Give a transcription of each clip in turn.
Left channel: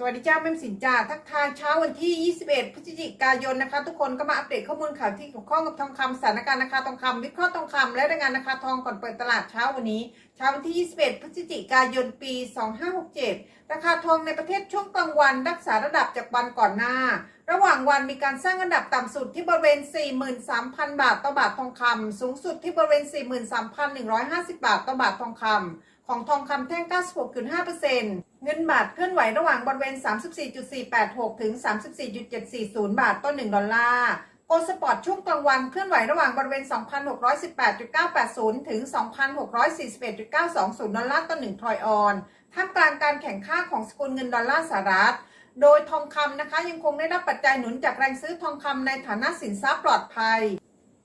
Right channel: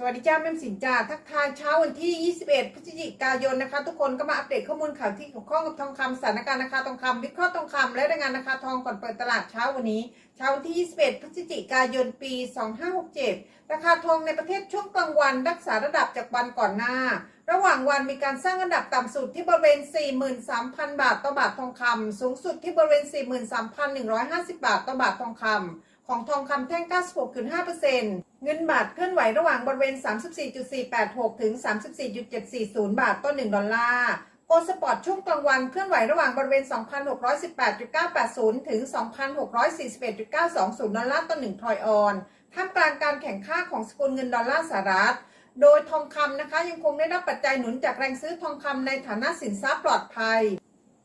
สวัสดีจ้าแม่สินจ้าทักทายเช้าวันที่ 21 พฤศจิกายนนะคะ ทุกคนก็มาอัปเดตข้อมูลข่าวที่เกี่ยวข้องกับทองคำสถานการณ์ราคาทองคำวิเคราะห์ทองคำและรายงานราคาทองก่อนเปิดตลาดเช้าวันนี้ เช้าวันที่ 21 พฤศจิกายนปี 2567 ราคาทองในประเทศช่วงกลางวันรักษาระดับจากวันก่อนหน้า ระหว่างวันมีการสร้างอันดับต่ำสุดที่บริเวณ 43,000 บาทต่อบาททองคำสูงสุดที่บริเวณ 43,150 บาทต่อบาททองคำ ของทองคำแท่ง 96.5%เงินบาทเคลื่อนไหวระหว่างบริเวณ 34.486 ถึง 34.740 บาทต่อ 1 ดอลลาร์โกลสปอร์ตช่วงกลางวันเคลื่อนไหวระหว่างบริเวณ 2,618.980 ถึง 2,641.920 ดอลลาร์ต่อ 1 ทรอยออน ท่ามกลางการแข่งข้าของสกุลเงินดอลลาร์สหรัฐ โดยทองคำนะคะยังคงได้รับปัจจัยหนุนจากแรงซื้อทองคำในฐานะสินทรัพย์ปลอดภัย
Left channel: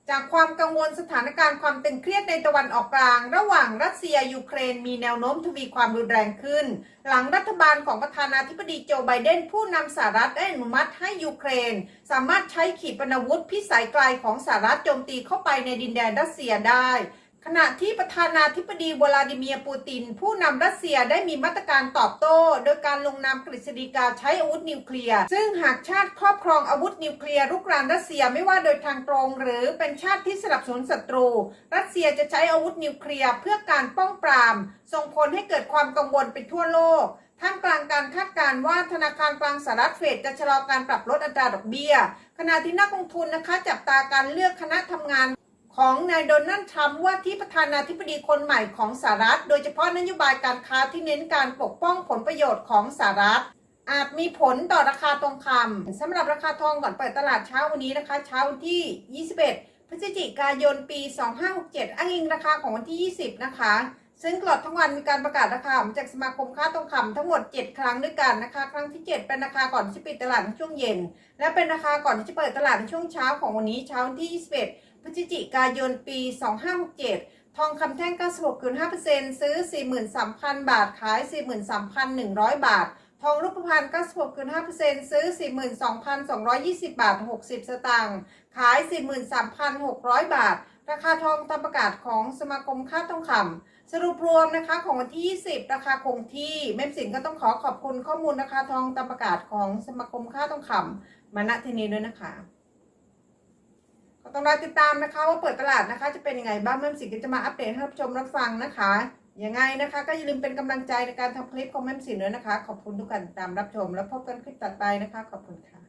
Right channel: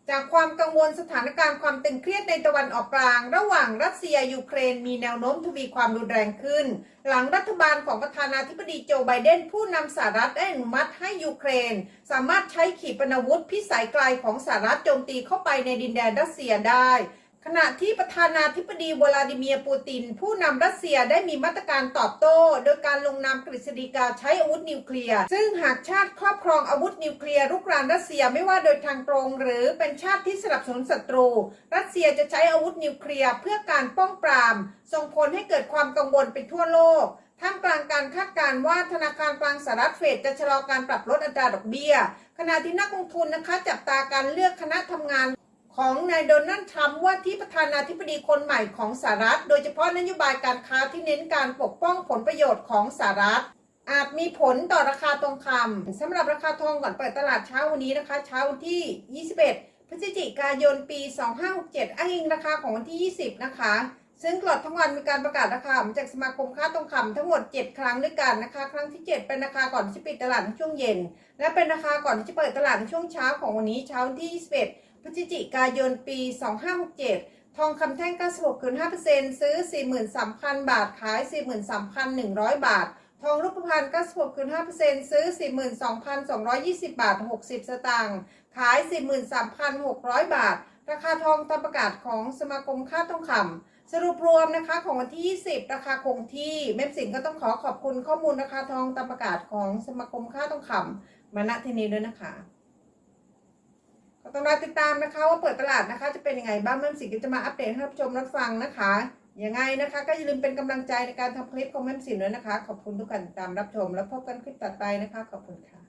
จากความกังวลสถานการณ์ความตึงเครียดในตะวันออกกลาง ระหว่างรัสเซียยูเครนมีแนวโน้มทวีความรุนแรงขึ้น หลังรัฐบาลของประธานาธิบดีโจไบเดนผู้นำสหรัฐได้อนุมัติให้ยูเครน สามารถใช้ขีปนาวุธพิสัยไกลของสหรัฐโจมตีเข้าไปในดินแดนรัสเซียได้ ขณะที่ประธานาธิบดีวลาดิเมียร์ปูติน ผู้นำรัสเซียได้มีมาตรการตอบโต้ โดยการลงนามกฤษฎีกาใช้อาวุธนิวเคลียร์ ซึ่งหากชาติครอบครองอาวุธนิวเคลียร์รุกรานรัสเซียไม่ว่าโดยทางตรง หรือเป็นชาติที่สนับสนุนศัตรู รัสเซียจะใช้อาวุธนิวเคลียร์เพื่อการป้องปราม ส่งผลให้เกิดความกังวลไปทั่วโลกท่ามกลางการคาดการณ์ว่าธนาคารกลางสหรัฐเฟดจะชะลอการปรับลดอัตราดอกเบี้ย ขณะที่นักลงทุนนะคะจับตาการเลือกคณะทำงาน ของนายโดนัลด์ทรัมป์ว่าที่ประธานาธิบดีคนใหม่ของสหรัฐ โดยเฉพาะนโยบายการค้าที่เน้นการปกป้องผลประโยชน์ของสหรัฐ อาจมีผลต่อราคาทองคำสำหรับราคาทองก่อนเปิดตลาดเช้าวันนี้นะคะ เช้าวันที่ 21 พฤศจิกายนปี 2567 อ้างอิงราคาของวันที่ 20 นะคะ ซึ่งตลอดทั้งวันมีการประกาศราคาจากสมาคมค้าทองคำทั้งหมด 7 ครั้งด้วยกันนะคะ ครั้งที่ 7 เป็นราคาก่อนที่จะปิดตลาดในช่วงเย็น และเป็นราคาก่อนที่จะเปิดตลาดในช่วงเช้าของวันนี้เช้าวันที่ 21 พฤศจิกายนปี 2567 ทองคำแท่ง 96.5%ซื้อ 43,000 บาท ขาย 43,100 บาท ทองรูปพรรณ96.5%ซื้อ 42,220 บาท 60 สตางค์ ขาย 43,600 บาท ราคาทองตามประกาศของสมาคมค่าทองคำ สรุปรวมนะคะของวันที่ 20 ราคาคงที่เม็มสินก็ต้องขอขอบคุณข้อมูลราคาทองตามประกาศของสมาคมค่าทองคำมาณที่นี้ด้วยนะคะ ต้องรอติดตามนะคะ ว่าเปิดตลาดนะคะ จะเป็นยังไงบ้างเมื่อสิงก็จะมาอัปเดตให้รับชมรับฟังนะคะยังไงนะคะ ก็อย่าลืมเป็นกำลังใจในการทำคลิปของแม่สินด้วยนะคะ ขอบคุณทุกการตามรับชม แล้วพบกันคลิปต่อไปนะคะ ขอบคุณค่ะ